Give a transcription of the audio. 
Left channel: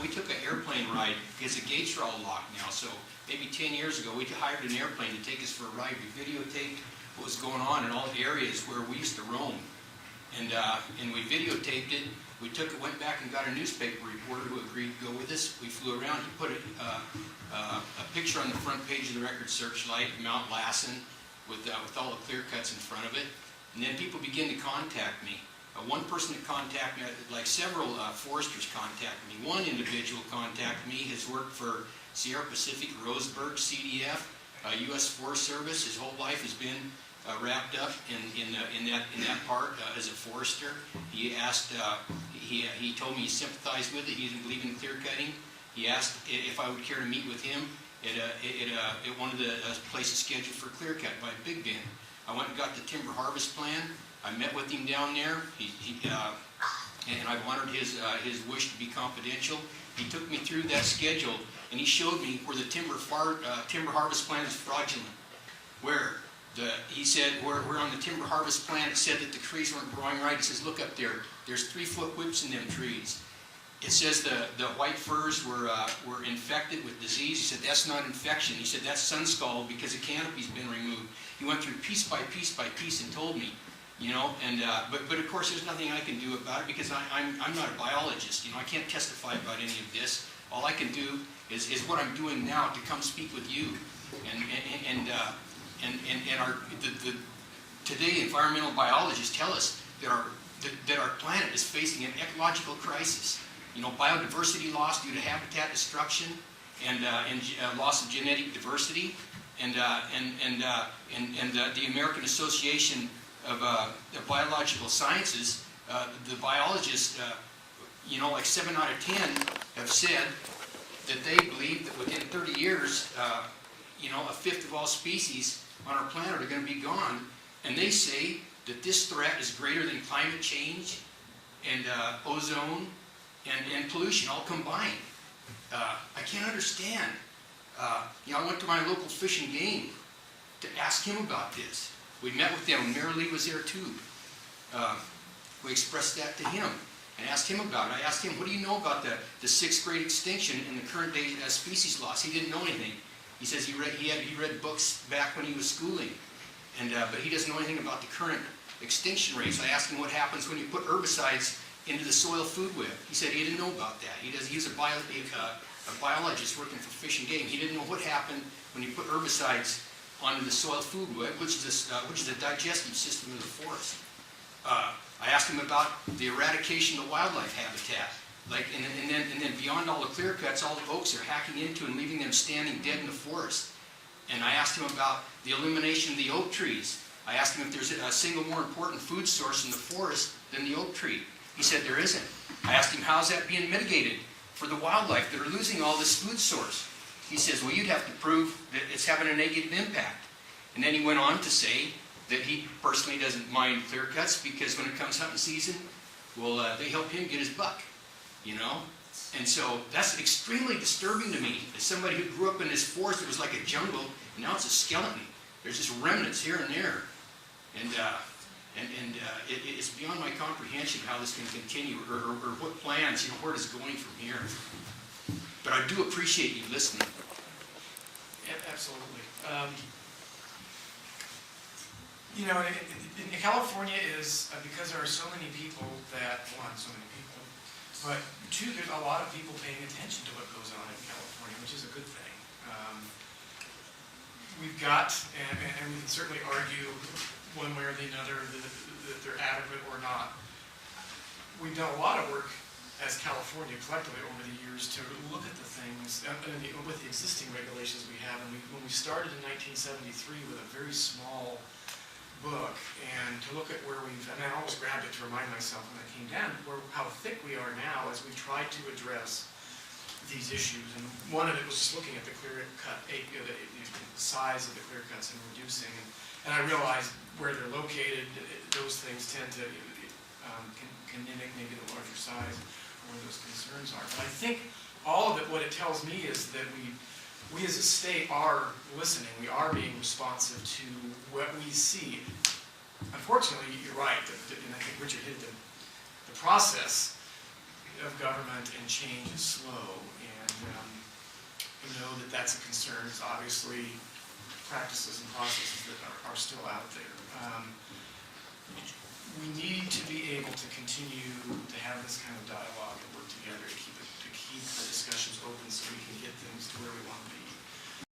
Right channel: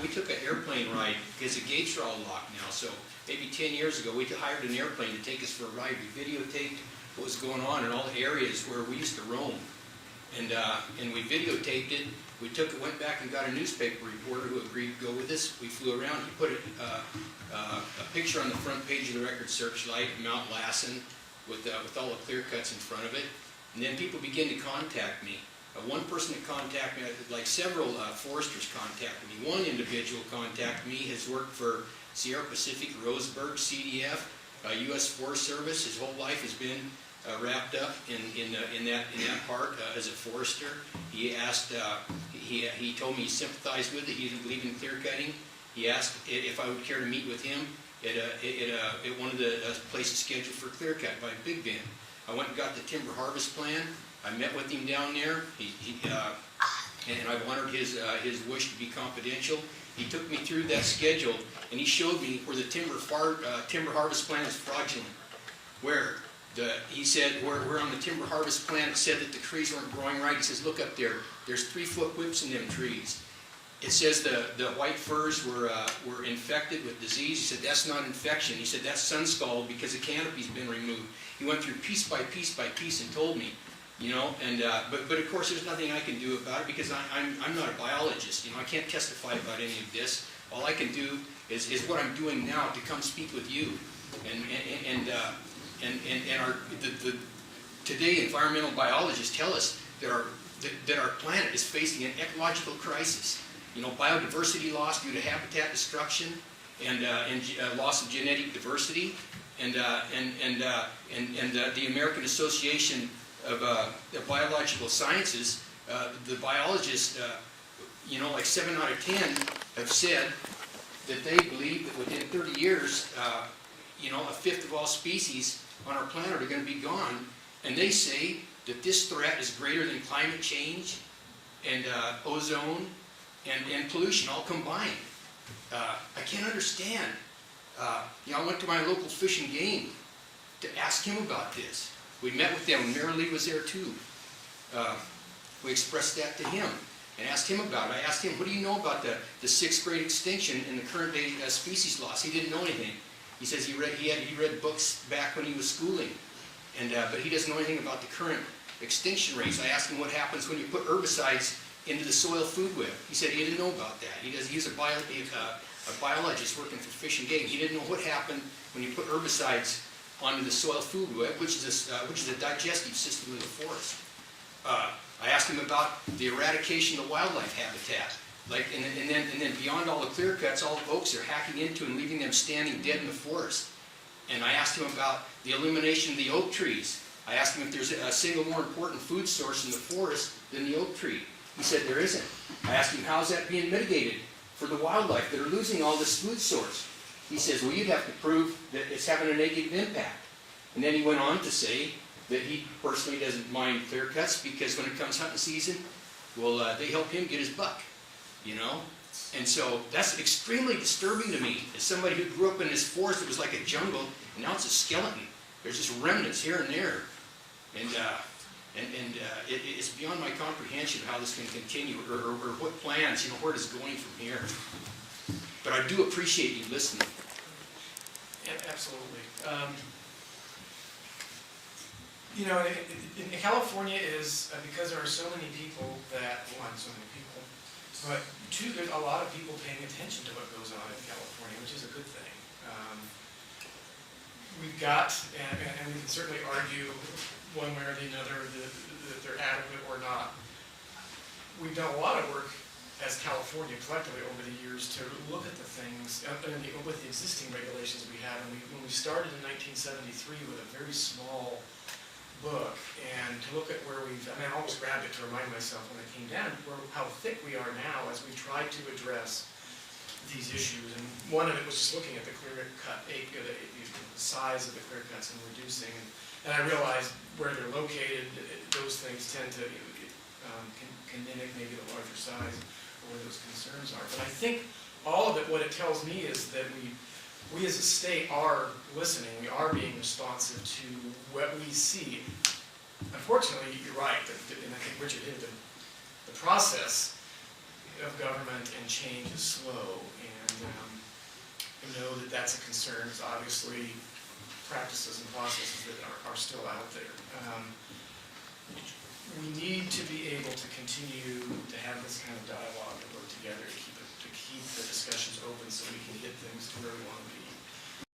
we took an airplane ride because the gates are all locked now. So maybe 10 years ago, we hired an airplane to take us for a ride. We videotaped what was going on in all the areas where we used to roam. And we videotaped it. We went back and got a newspaper reporter who agreed to go with us. We flew around. He put a picture on the front page of the Record Searchlight of Mount Lassen with all the clear cuts in front of it. And then people began to contact me. One person that contacted me, like several foresters contacted me. One individual contacted me, has worked for Sierra Pacific, Roseburg, CDF, U.S. Forest Service. His whole life has been wrapped up in that part as a forester. He asked, he told me he sympathized with it. He didn't believe in clear cutting. He asked if I would care to meet with him at one of the places scheduled for clear cut by Big Bend. I went and got the timber harvest plan. I met with him down there, and I've honored his wish to be confidential. He took me through that schedule, and he showed me where the timber harvest plan is fraudulent. He said, where on the timber harvest plan it said that the trees weren't growing right. He says, look up there. There's 3-foot whips in them trees. It says the white firs were infected with disease. He said, that's not infection. He said, that's sun scald because the canopy's been removed. He went through piece by piece by piece and told me, you know, and but of course there's nothing I can do about it because I'm not a biologist. You know, I can't testify about any of this. All I can do is what I'm doing now to come speak with you, today environmental biologists tell us that our planet is facing an ecological crisis. You know, biodiversity loss due to habitat destruction and loss of genetic diversity, and the American Association of Biological Sciences, the biologists, you know, like 7 out of 10 have said that they believe that within 30 years, you know, 1/5 of all species on our planet are going to be gone, and they say that this threat is greater than climate change and ozone and pollution all combined. I can't understand. You know, I went to my local Fish and Game to ask him about this. We met with them. Mary Lee was there too. We expressed that to him and asked him about it. I asked him, what do you know about the 6th grade extinction and the current day species loss? He didn't know anything. He says he read books back when he was schooling, but he doesn't know anything about the current extinction rates. I asked him what happens when you put herbicides into the soil food web. He said he didn't know about that. He's a biologist working for Fish and Game. He didn't know what happened when you put herbicides onto the soil food web, which is a digestive system of the forest. I asked him about the eradication of wildlife habitat. And then beyond all the clear cuts, all the folks are hacking into and leaving them standing dead in the forest. And I asked him about the elimination of the oak trees. I asked him if there's a single more important food source in the forest than the oak tree. He said there isn't. I asked him, how's that being mitigated for the wildlife that are losing all this food source? He says, well, you'd have to prove that it's having a negative impact. And then he went on to say that he personally doesn't mind clear cuts because when it comes hunting season, well, they help him get his buck, you know? And so that's extremely disturbing to me. As somebody who grew up in this forest, it was like a jungle, and now it's a skeleton. There's just remnants here and there. And it's beyond my comprehension how this can continue, or what plans, you know, where it is going from here. But I do appreciate you listening. Yeah, absolutely. You know, in California is, because there are so many people that, one, so many people, but two, there's a lot of people paying attention to what goes on in California, which is a good thing. We've got, and we can certainly argue one way or the other that they're adequate or not. We've done a lot of work as California collectively over the years to look at the things with the existing regulations we have. And when we started in 1973 with a very small book, and to look at where we've, and I almost grabbed it to remind myself when it came down, how thick we are now as we try to address these issues. And one of it was just looking at the clear cut, the size of the clear cuts and reducing. And I realized where they're located, those things tend to can mimic maybe the larger size or where those concerns are. But I think all of it, what it tells me is that we as a state are listening. We are being responsive to what we see. Unfortunately, you're right, and I think Richard hit the process. of government and change is slow, and I know that that's a concern. It's obviously practices and processes that are still out there. We need to be able to continue to have this kind of dialogue